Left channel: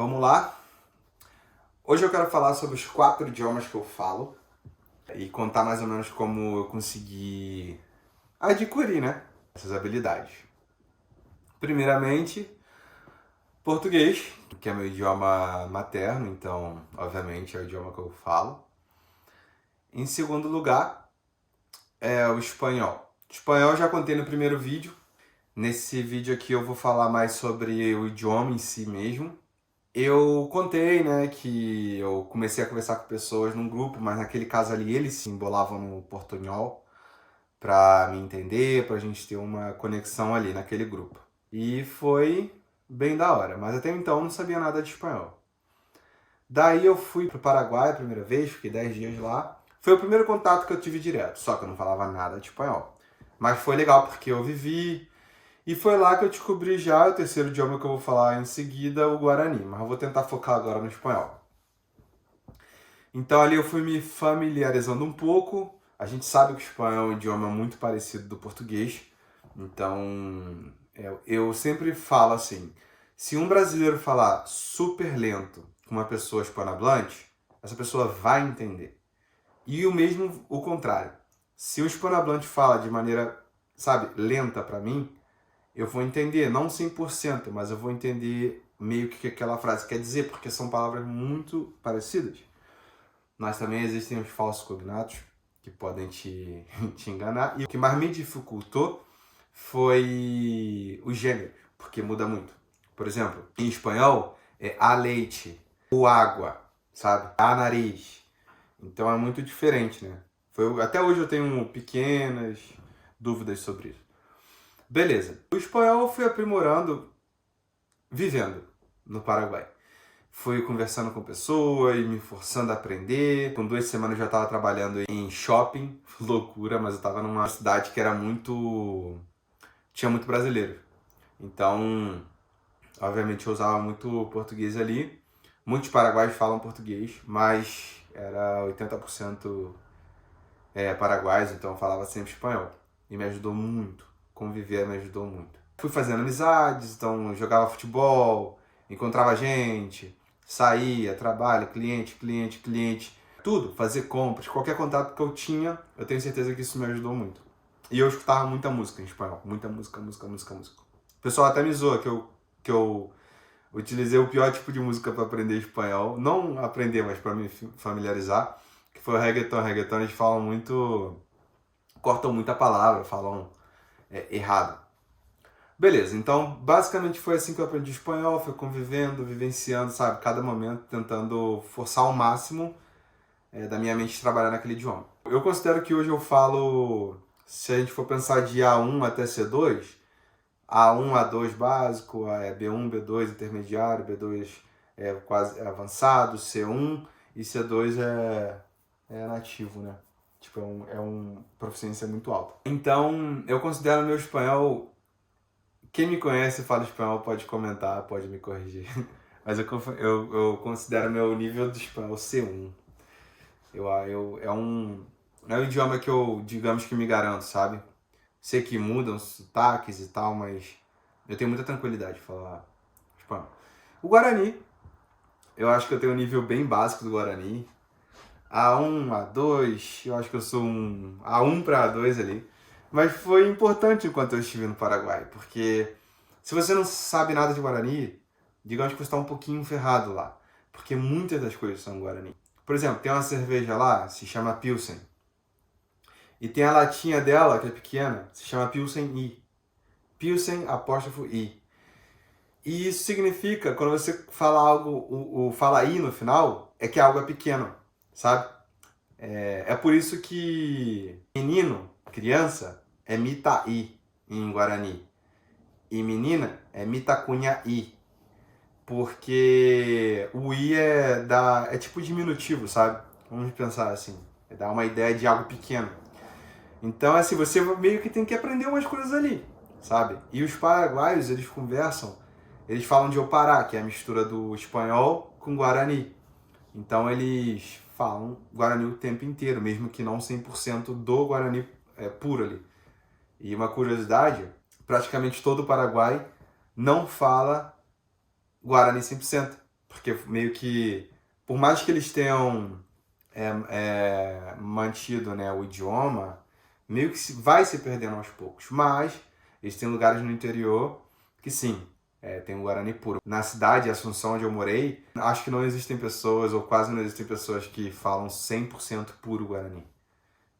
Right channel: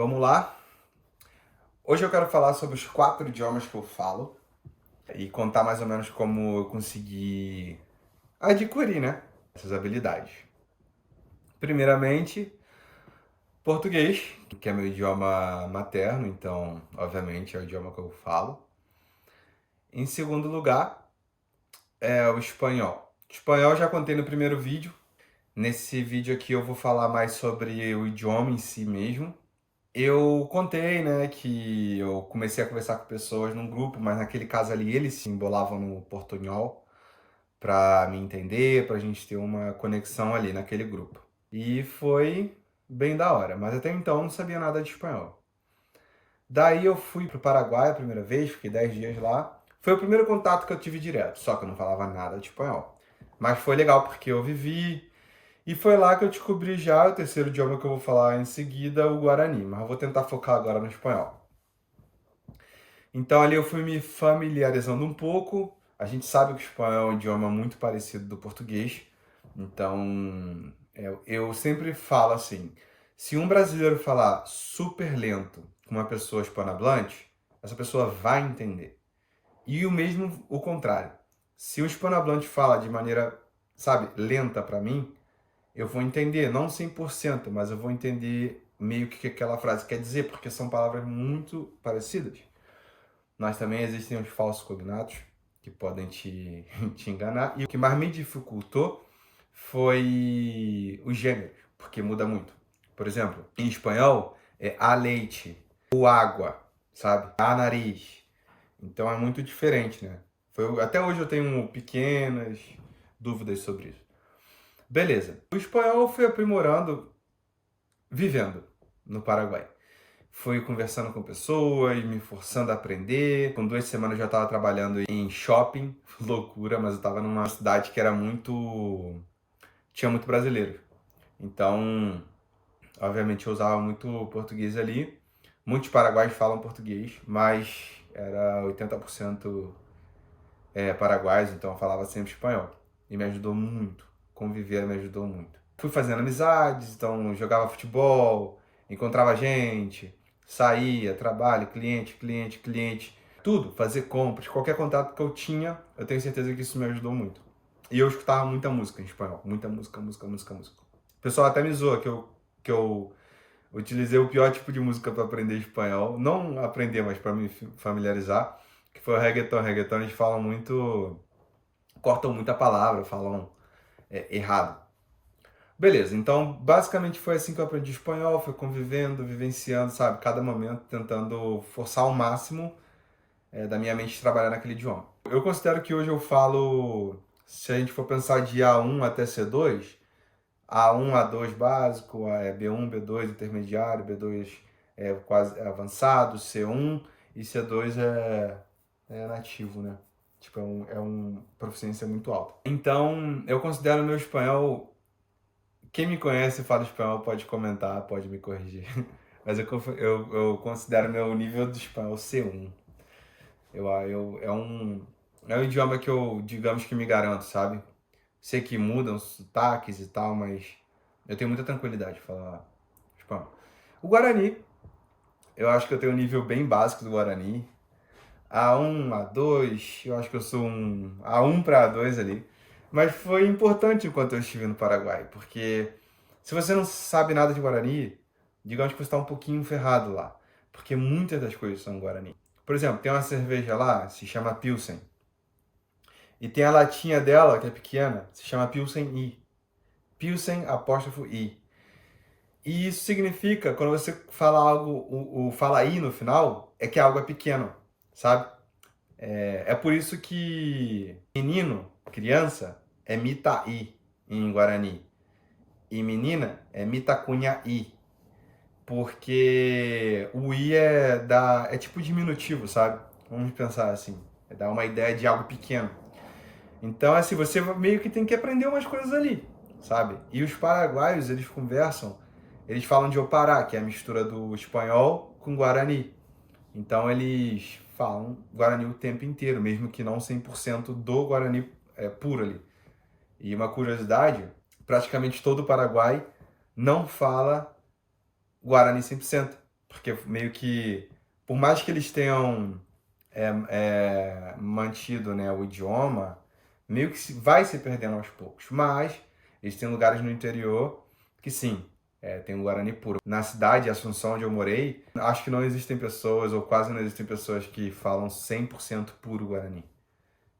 Vamos lá? Hoje eu quero falar sobre os 4 idiomas que eu falo e contar mais ou menos como eu consegui adquirir, né, essas habilidades. Primeiramente, português, que é meu idioma materno, então, obviamente, é o idioma que eu falo. Em segundo lugar, é o espanhol. Espanhol eu já contei no primeiro vídeo. Nesse vídeo aqui eu vou falar mais sobre o idioma em si mesmo. Eu contei, né, que eu comecei a conversar com pessoas num grupo, mas naquele caso ali eles se embolavam no portunhol para me entender, pra gente ter uma conexão ali naquele grupo. E foi bem da hora, mas até então eu não sabia nada de espanhol. Daí eu fui pro Paraguai a primeira vez, fiquei 10 dias lá. Foi o primeiro contato que eu tive direto, só que eu não falava nada de espanhol. Mas foi legal porque eu vivi, e foi lá que eu descobri já o terceiro idioma que eu vou falar em seguida, o Guarani. Mas eu vou tentar focar agora no espanhol. Então ali eu fui me familiarizando um pouco. A gente sabe que o espanhol é um idioma muito parecido do português. Então eu sempre falo assim, se um brasileiro falar super lento com uma pessoa hispanohablante, essa pessoa vai entender. E o mesmo o contrário. Se um hispanohablante fala de maneira, sabe, lenta para mim, eu vou entender, não 100%, mas eu vou entender meio que aquela frase quer dizer, porque são palavras muito parecidas. Mas também existem os falsos cognatos que podem te enganar. E o que mais me dificultou foi o gênero, porque muda muito. Por exemplo, em espanhol é a leite, o água, sabe? A nariz. Então é muito diferente, né? Até hoje eu tenho pequenas dúvidas sobre isso. Beleza. O espanhol eu fui aprimorando vivendo no Paraguai. Fui conversando com pessoas, me forçando a aprender. Com 2 semanas eu já estava trabalhando em shopping. Loucura, mas eu estava numa cidade que era muito... tinha muito brasileiro. Então, obviamente eu usava muito português ali. Muitos paraguaios falam português, mas era 80% paraguaios, então eu falava sempre espanhol. E me ajudou muito. Conviver me ajudou muito. Fui fazendo amizades, então jogava futebol, encontrava gente, saía, trabalho, cliente, tudo, fazer compras, qualquer contato que eu tinha, eu tenho certeza que isso me ajudou muito. E eu escutava muita música em espanhol, muita música. O pessoal até me zoa que eu utilizei o pior tipo de música para aprender espanhol, não aprender, mas para me familiarizar, que foi o reggaeton. Reggaeton eles falam muito, cortam muita palavra, falam errado. Beleza, então basicamente foi assim que eu aprendi espanhol, foi convivendo, vivenciando, sabe, cada momento tentando forçar ao máximo da minha mente trabalhar naquele idioma. Eu considero que hoje eu falo, se a gente for pensar de A1 até C2, A1, A2 básico, B1, B2 intermediário, B2 quase avançado, C1 e C2 é nativo, né? Tipo, é uma proficiência muito alta. Então, eu considero meu espanhol. Quem me conhece e fala espanhol pode comentar, pode me corrigir. Mas eu considero meu nível de espanhol C1. É um idioma que eu, digamos que me garanto, sabe? Sei que mudam os sotaques e tal, mas eu tenho muita tranquilidade de falar espanhol. O Guarani, eu acho que eu tenho um nível bem básico do Guarani. A1, A2, eu acho que eu sou um A1 para A2 ali. Mas foi importante enquanto eu estive no Paraguai, porque se você não sabe nada de Guarani, digamos que você está um pouquinho ferrado lá, porque muitas das coisas são Guarani. Por exemplo, tem uma cerveja lá, se chama Pilsen, e tem a latinha dela, que é pequena, se chama Pilsen I. Pilsen apóstrofo I. E isso significa, quando você fala algo, fala I no final, é que algo é pequeno, sabe? É por isso que menino, criança, é Mitaí em Guarani. E menina é Mitacunha-i. Porque o I é tipo diminutivo, sabe? Vamos pensar assim. Dá uma ideia de algo pequeno. Então, assim, você meio que tem que aprender umas coisas ali, sabe? E os paraguaios, eles conversam, eles falam de opará, que é a mistura do espanhol com guarani. Então, eles falam guarani o tempo inteiro, mesmo que não 100% do guarani puro ali. E uma curiosidade, praticamente todo o Paraguai não fala Guarani 100%, porque meio que, por mais que eles tenham mantido, né, o idioma, meio que vai se perdendo aos poucos. Mas eles têm lugares no interior que sim, tem o Guarani puro. Na cidade, Assunção, onde eu morei, acho que não existem pessoas, ou quase não existem pessoas que falam 100% puro Guarani.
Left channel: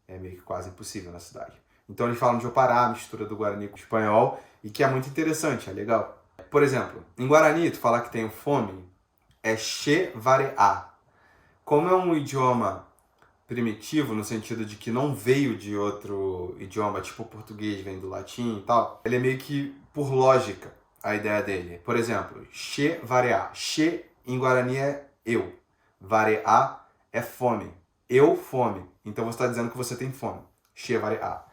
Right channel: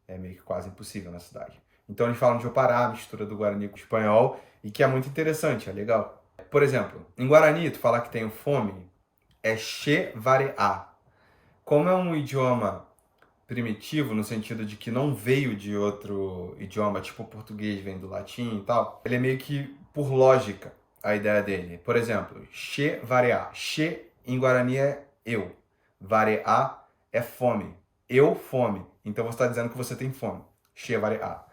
É meio que quase impossível na cidade. Então eles falam de Opará, a mistura do Guarani com o espanhol, e que é muito interessante, é legal. Por exemplo, em Guarani, tu falar que tem fome, é che vareá. Como é um idioma primitivo, no sentido de que não veio de outro idioma, tipo o português vem do latim e tal, ele é meio que por lógica a ideia dele. Por exemplo, che vareá. Che em Guarani é eu. Vareá é fome. Eu, fome. Então você está dizendo que você tem fome. Che vareá.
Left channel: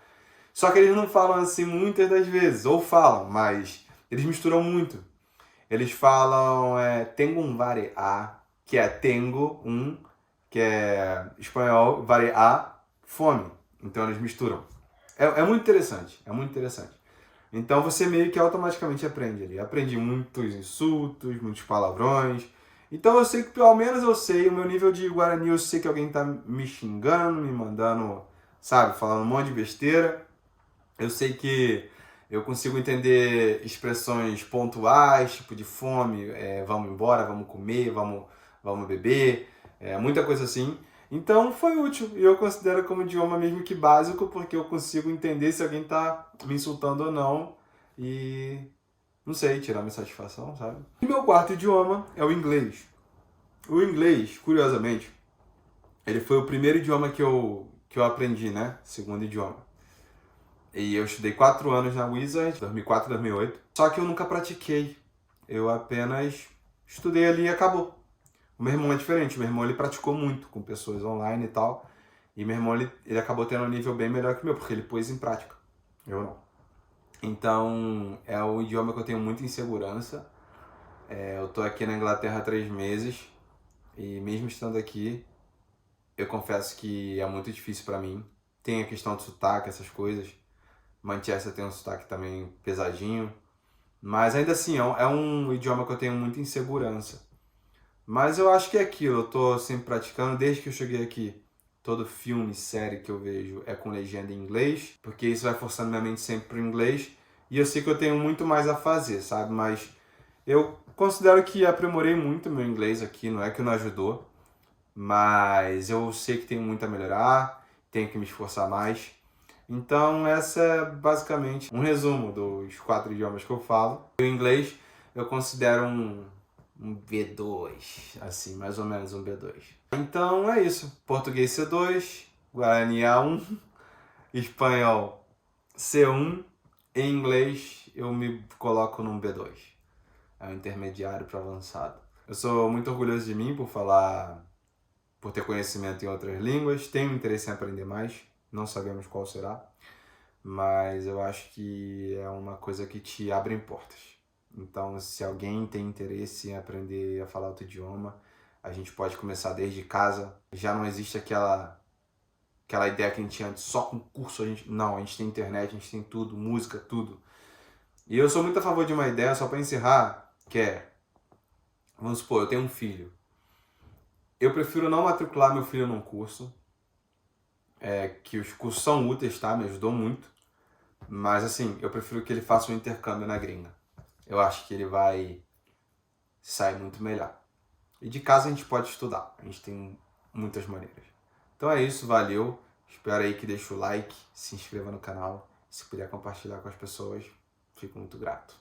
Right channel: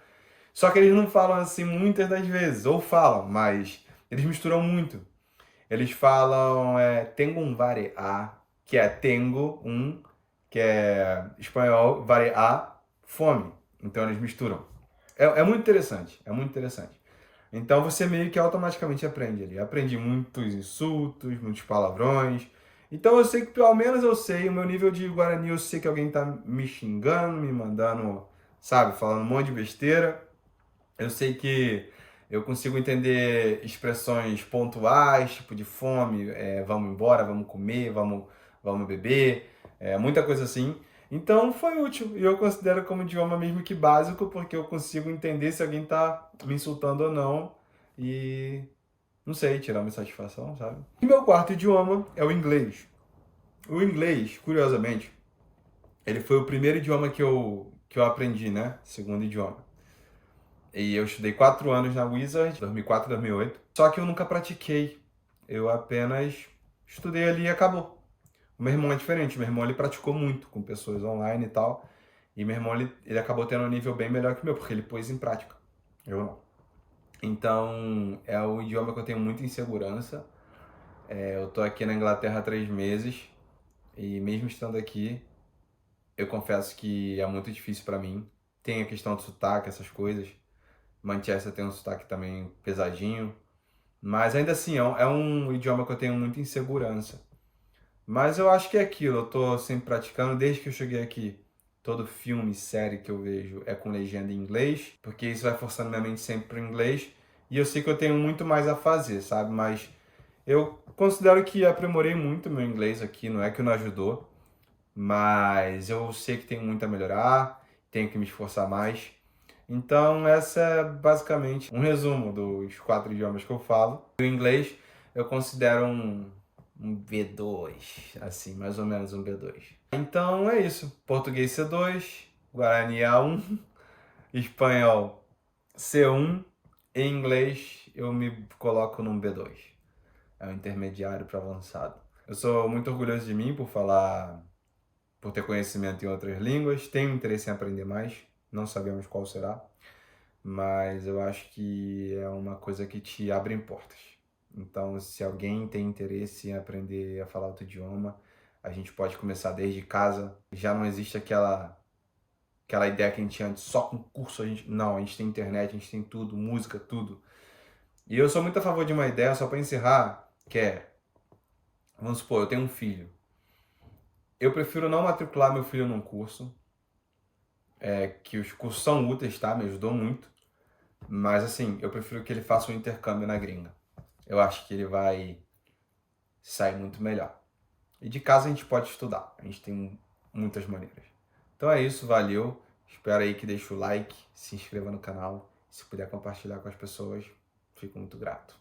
Só que eles não falam assim muitas das vezes, ou falam, mas eles misturam muito. Eles falam tengo um vareá, que é tengo um, que é espanhol, vareá, fome. Então eles misturam. É muito interessante, é muito interessante. Então você meio que automaticamente aprende ali. Aprendi muitos insultos, muitos palavrões. Então eu sei que, pelo menos eu sei, o meu nível de Guarani, eu sei que alguém tá me xingando, me mandando, sabe, falando um monte de besteira. Eu sei que eu consigo entender expressões pontuais, tipo de fome, vamos embora, vamos comer, vamos beber, muita coisa assim. Então foi útil e eu considero como idioma mesmo que básico, porque eu consigo entender se alguém tá me insultando ou não e, não sei, tirar minha satisfação, sabe? E meu quarto idioma é o inglês. O inglês, curiosamente, ele foi o primeiro idioma que eu aprendi, né? Segundo idioma. E eu estudei 4 anos na Wizard, 2004, 2008. Só que eu nunca pratiquei. Eu apenas estudei ali e acabou. O meu irmão é diferente. O meu irmão ele praticou muito com pessoas online e tal. E meu irmão ele acabou tendo um nível bem melhor que o meu, porque ele pôs em prática. Eu não. Então, é um idioma que eu tenho muita insegurança. Eu tô aqui na Inglaterra há 3 meses. E mesmo estando aqui, eu confesso que é muito difícil para mim. Tem a questão do sotaque, essas coisas. Manchester tem um sotaque também pesadinho. Mas ainda assim, é um idioma que eu tenho muita insegurança. Mas eu acho que é aquilo, eu tô sempre praticando desde que eu cheguei aqui. Todo filme, série que eu vejo é com legenda em inglês, porque isso vai forçando minha mente sempre pro inglês. E eu sei que eu tenho muito mais a fazer, sabe? Mas eu considero que aprimorei muito meu inglês aqui, não é que não ajudou. Mas eu sei que tenho muito a melhorar, tenho que me esforçar mais. Então, essa é basicamente um resumo dos 4 idiomas que eu falo. O inglês eu considero um B2, assim, mais ou menos um B2. Então é isso. Português C2, Guarani A1, espanhol C1 e inglês eu me coloco num B2. É um intermediário para avançado. Eu sou muito orgulhoso de mim por ter conhecimento em outras línguas, tenho interesse em aprender mais, não sabemos qual será. Mas eu acho que é uma coisa que te abre portas. Então, se alguém tem interesse em aprender a falar outro idioma, a gente pode começar desde casa. Já não existe aquela ideia que a gente tinha antes, só com curso. Não, a gente tem internet, a gente tem tudo, música, tudo. E eu sou muito a favor de uma ideia, só para encerrar, que é, vamos supor, eu tenho um filho. Eu prefiro não matricular meu filho num curso, que os cursos são úteis, tá? Me ajudou muito. Mas assim, eu prefiro que ele faça um intercâmbio na gringa. Eu acho que ele vai sair muito melhor. E de casa a gente pode estudar. A gente tem muitas maneiras. Então é isso, valeu. Espero aí que deixe o like, se inscreva no canal. Se puder compartilhar com as pessoas, fico muito grato.